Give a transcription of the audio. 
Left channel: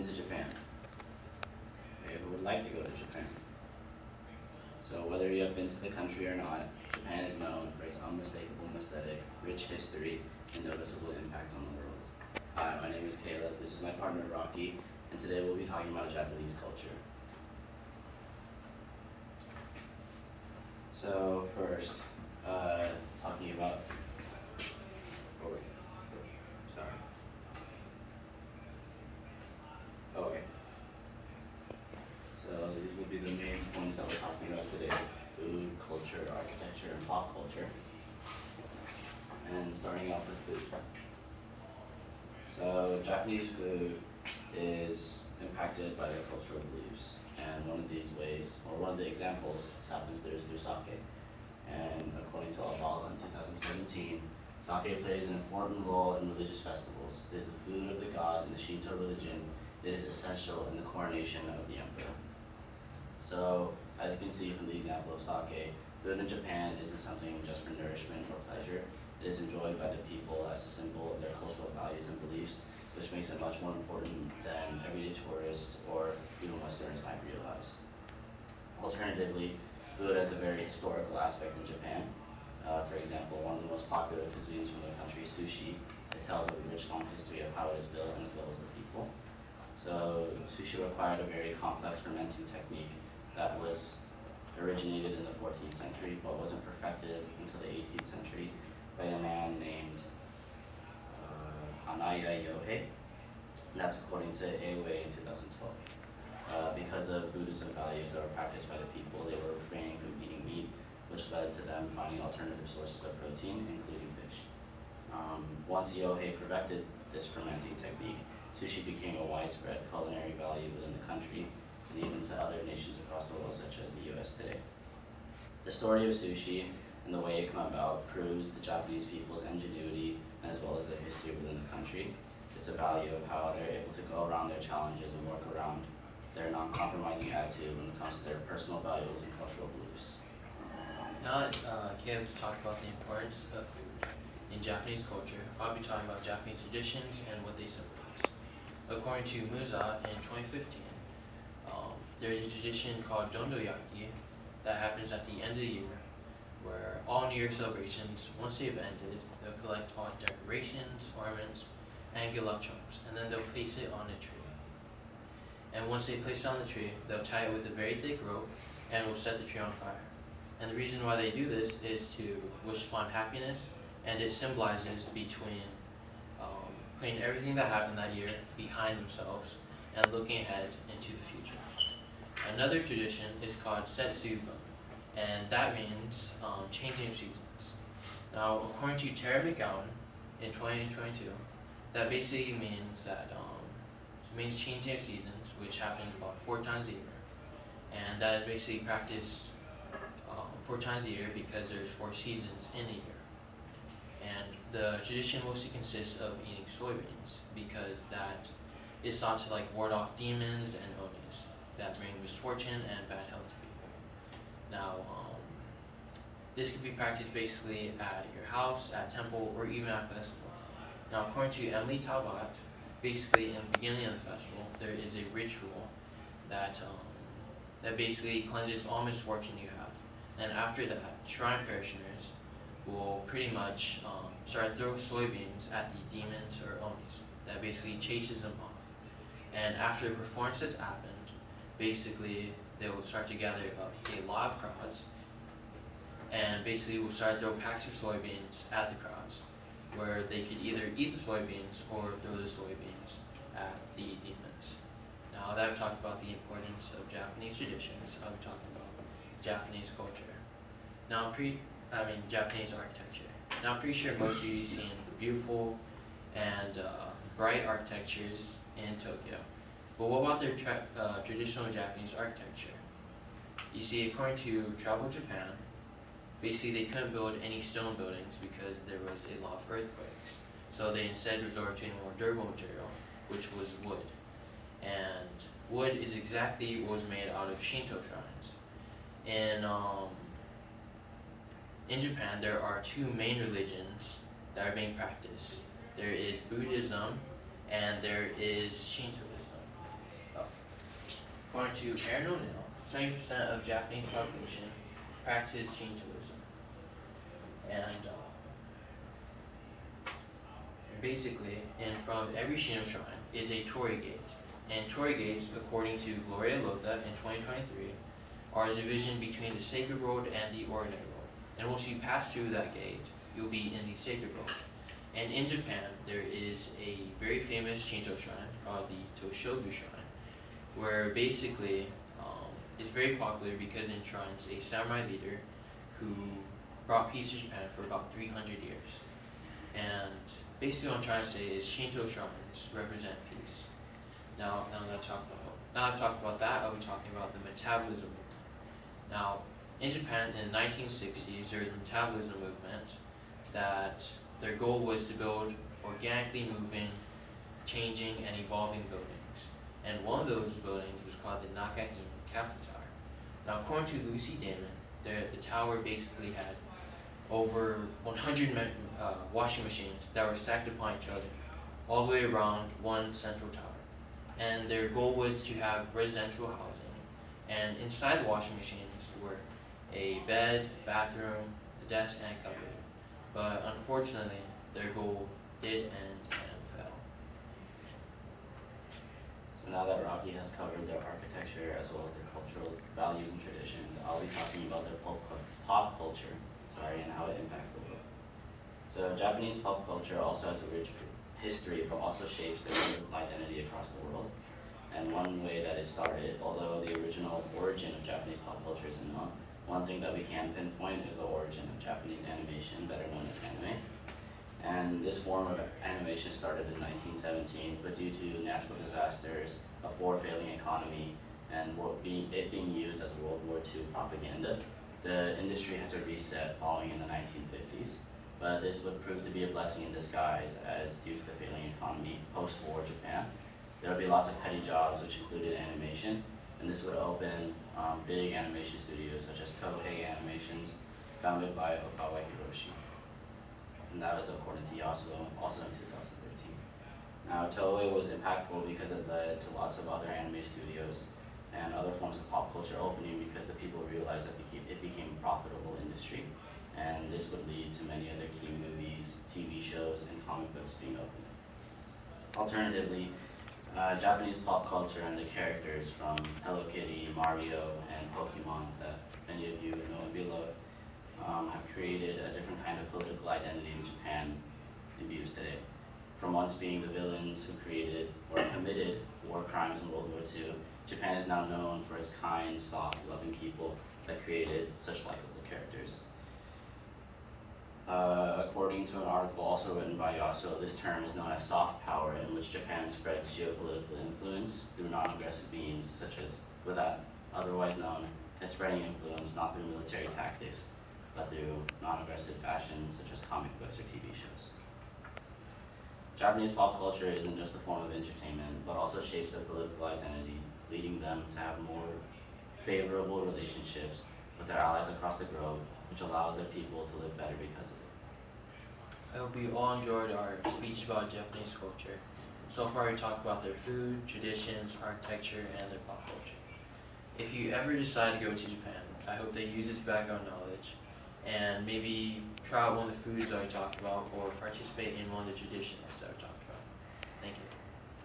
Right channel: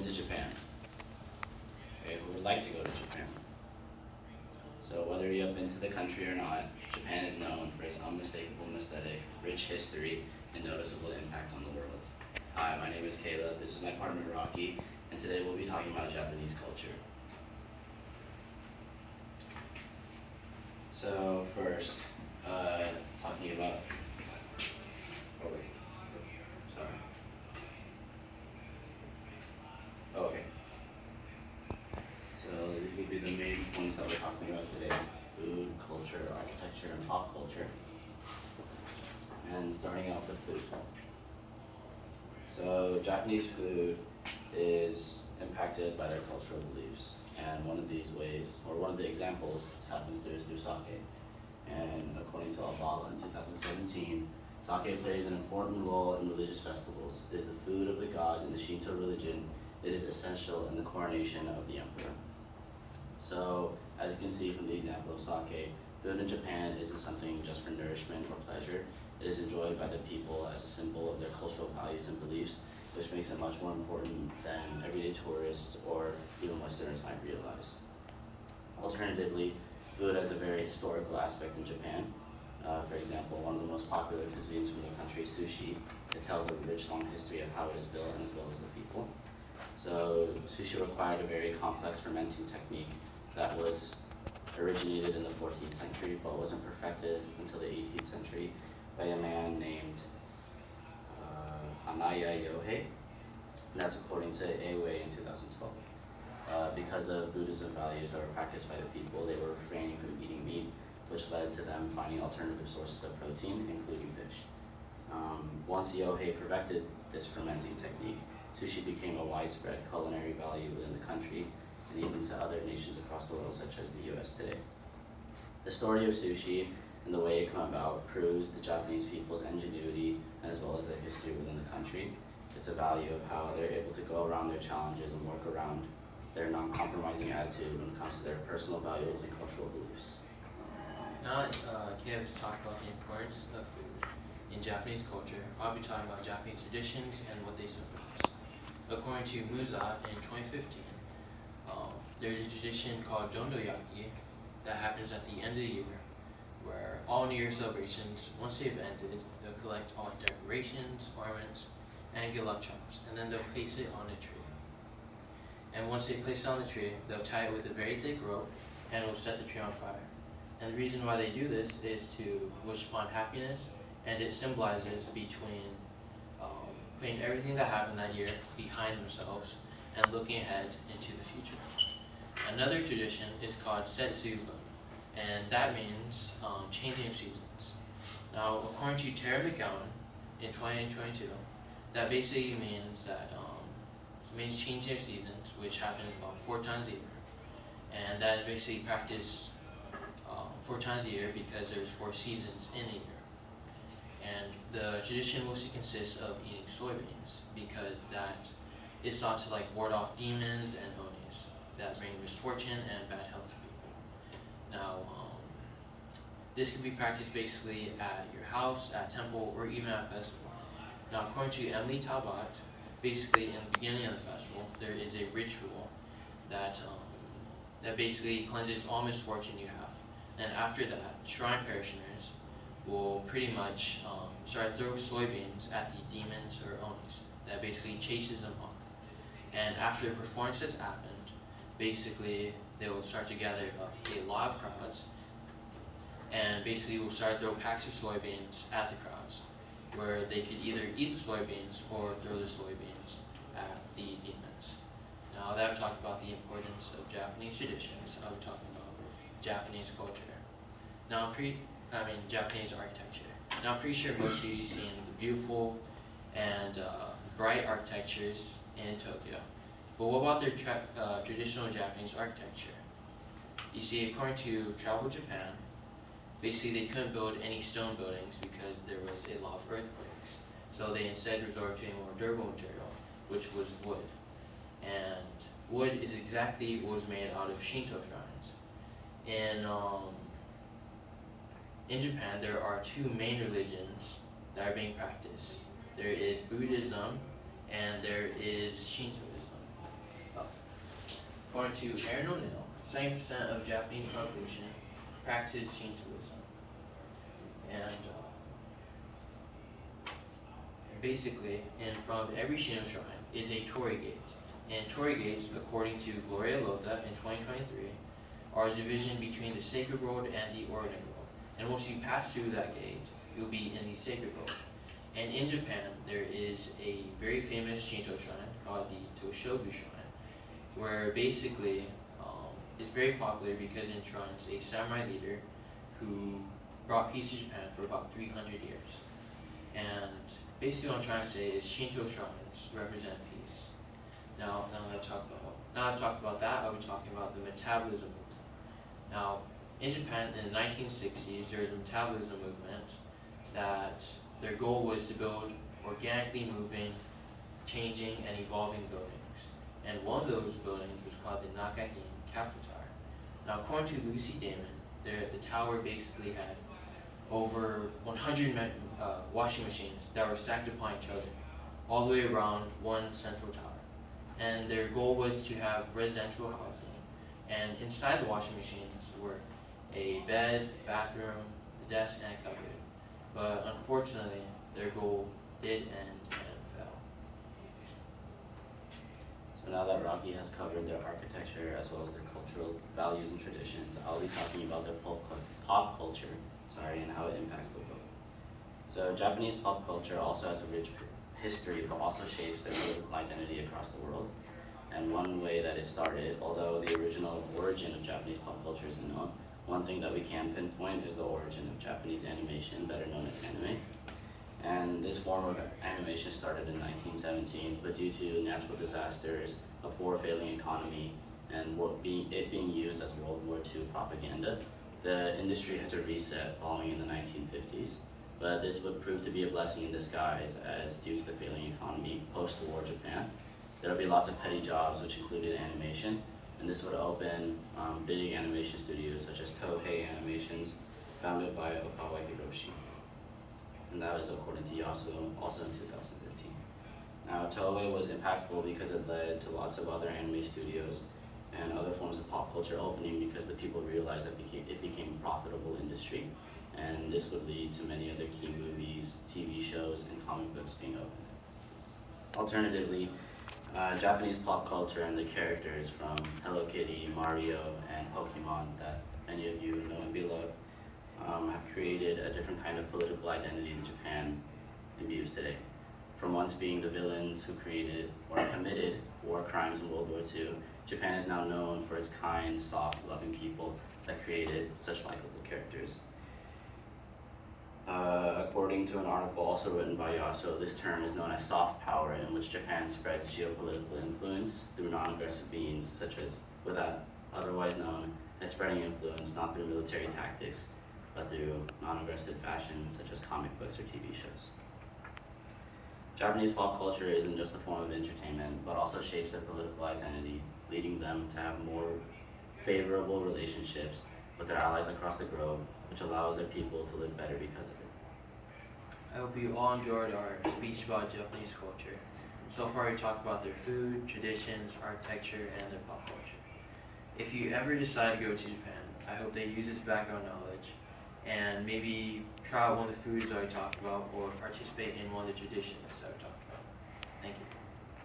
been to Japan? Okay, who would like to go to Japan? So whether you have been to the country or not, Japan is known for its unmistakable aesthetic, rich history, and noticeable impact on the world. Hi, my name is Caleb, this is my partner Rocky, and today we'll be talking about Japanese culture. So first, talking about, oh wait, sorry. Oh, okay. So these will be the main points that we're talking about today: food, culture, architecture, and pop culture. And starting off with food. So Japanese food is impacted by their cultural beliefs, and one of these ways, or one of the examples, happens there is through sake. And according to Alvala in 2017, sake plays an important role in religious festivals. It is the food of the gods in the Shinto religion. It is essential in the coronation of the emperor. So, as you can see from the example of sake, food in Japan isn't something just for nourishment or pleasure. It is enjoyed by the people as a symbol of their cultural values and beliefs, which makes it much more important than everyday tourists or even Westerners might realize. Alternatively, food has a very historical aspect in Japan. For example, one of the most popular cuisines from the country is sushi. It tells a rich, long history of how it is built and as well as the people. So sushi required a very complex fermenting technique that was originated in the 14th century but wasn't perfected until the 18th century by a man named Anaya Yohei, and that's according to Eiwei in 2012. Because of Buddhism values that were practiced by the people, they were refraining from eating meat, which led to them finding alternative sources of protein, including fish. Once Yohei perfected this fermenting technique, sushi became a widespread culinary value within the country and even to other nations across the world, such as the US today. The story of sushi and the way it came about proves the Japanese people's ingenuity as well as their history within the country. It's a value of how they're able to go around their challenges and work around their non-compromising attitude when it comes to their personal values and cultural beliefs. Now, here to talk about the importance of food in Japanese culture, I'll be talking about Japanese traditions and what they symbolize. According to Musa in 2015, there is a tradition called Dondoyaki that happens at the end of the year, where all New Year celebrations, once they've ended, they'll collect all decorations, ornaments, and good luck charms, and then they'll place it on the tree. And once they place it on the tree, they'll tie it with a very thick rope and will set the tree on fire. And the reason why they do this is to wish upon happiness, and it symbolizes between putting everything that happened that year behind themselves and looking ahead into the future. Another tradition is called Setsubo, and that means changing of seasons. Now, according to Tara McGowan in 2022, that basically means that it means changing of seasons, which happens about 4 times a year, and that is basically practiced 4 times a year because there's 4 seasons in a year. And the tradition mostly consists of eating soybeans because that is thought to ward off demons and onis that bring misfortune and bad health to people. Now, this can be practiced basically at your house, at temple, or even at festival. Now, according to Emily Talbot, basically in the beginning of the festival, there is a ritual that that basically cleanses all misfortune you have. And after that, shrine parishioners will pretty much start throwing soybeans at the demons or onis. That basically chases them off. And after the performance has happened, basically they will start to gather a lot of crowds, and basically will start to throw packs of soybeans at the crowds, where they could either eat the soybeans or throw the soybeans at the demons. Now that I've talked about the importance of Japanese traditions, I'll be talking about Japanese culture. Now Japanese architecture. Now I'm pretty sure most of you have seen the beautiful and bright architectures in Tokyo. But what about their traditional Japanese architecture? You see, according to Travel Japan, basically they couldn't build any stone buildings because there was a lot of earthquakes. So they instead resorted to a more durable material, which was wood. And wood is exactly what was made out of Shinto shrines. In Japan, there are 2 main religions that are being practiced. There is Buddhism and there is Shintoism. according to Aaron O'Neill, 70% of Japanese population practices Shintoism. And basically, in front of every Shinto shrine is a torii gate. And torii gates, according to Gloria Lota in 2023, are the division between the sacred world and the ordinary world. And once you pass through that gate, you'll be in the sacred world. And in Japan, there is a very famous Shinto shrine called the Toshogu Shrine, where basically it's very popular because it enshrines a samurai leader who brought peace to Japan for about 300 years. And basically what I'm trying to say is Shinto shrines represent peace. Now I've talked about that, I'll be talking about the metabolism movement. Now, in Japan in the 1960s, there was a metabolism movement that their goal was to build organically moving, changing, and evolving buildings. And one of those buildings was called the Nakahine Capsule Tower. Now, according to Lucy Damon, the tower basically had over 100 washing machines that were stacked upon each other, all the way around one central tower. And their goal was to have residential housing, and inside the washing machines were a bed, bathroom, a desk, and a cupboard. But unfortunately, their goal did end and fell. So now that Rocky has covered their architecture as well as their cultural values and traditions, I'll be talking about their pop culture, and how it impacts the book. So Japanese pop culture also has a rich history, but also shapes their political identity across the world. And one way that it started, although the original origin of Japanese pop culture isn't known, one thing that we can pinpoint is the origin of Japanese animation, better known as anime. And this form of animation started in 1917, but due to natural disasters, a poor failing economy, and it being used as World War II propaganda, the industry had to reset following in the 1950s. But this would prove to be a blessing in disguise, as due to the failing economy post-war Japan, there would be lots of petty jobs which included animation, and this would open big animation studios such as Toei Animations, founded by Okawa Hiroshi. And that was according to Yasuo, also in 2013. Now, Toei was impactful because it led to lots of other anime studios and other forms of pop culture opening because the people realized that it became a profitable industry. And this would lead to many other key movies, TV shows, and comic books being opened. Alternatively, Japanese pop culture and the characters from Hello Kitty, Mario, and Pokemon that many of you know and beloved have created a different kind of political identity in Japan in views today. From once being the villains who created or committed war crimes in World War II, Japan is now known for its kind, soft, loving people that created such likable characters. According to an article also written by Yasuo, this term is known as soft power, in which Japan spreads geopolitical influence through non-aggressive means, such as otherwise known as spreading influence not through military tactics, but through non-aggressive fashion, such as comic books or TV shows. Japanese pop culture isn't just a form of entertainment, but also shapes their political identity, leading them to have more favorable relationships with their allies across the globe, which allows their people to live better because of it. I hope you all enjoyed our speech about Japanese culture. So far we talked about their food, traditions, architecture, and their pop culture. If you ever decide to go to Japan, I hope that you use this background knowledge and maybe try one of the foods that we talked about or participate in one of the traditions that we